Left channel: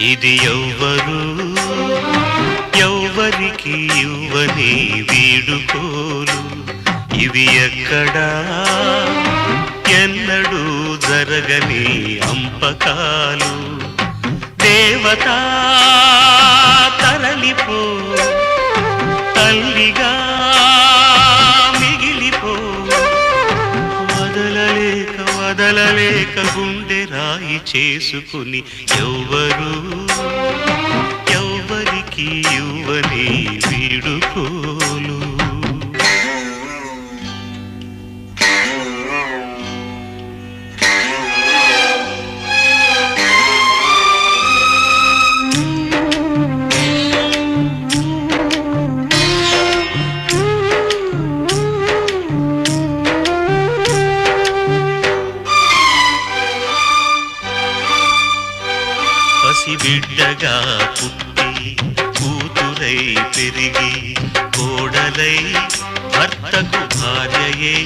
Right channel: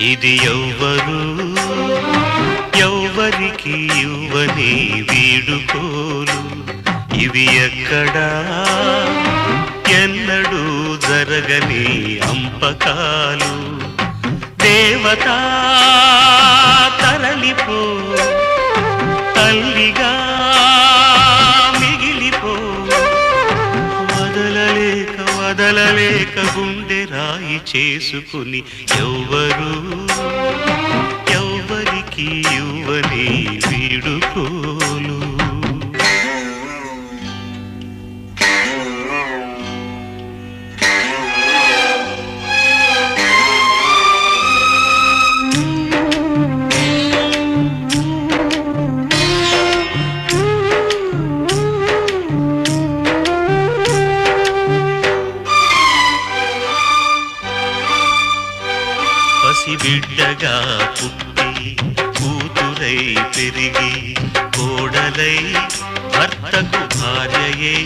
ఇది ఎవ్వరు ఎవ్వరికి ఇవ్వని వీడుకోలు, ఇవి ఎక్కడా ఎన్నడూ జరగని అంపకాలు. దేవతా తరలిపో, తల్లిగా మిగిలిపో, వదలలేక వదలలేక గుండె రాయి చేసుకుని ఎవ్వరు ఎవ్వరికి ఇవ్వని వీడుకోలు. పసిబిడ్డగా పుట్టి కూతురై పెరిగి కోడలై భర్తకు భార్యయై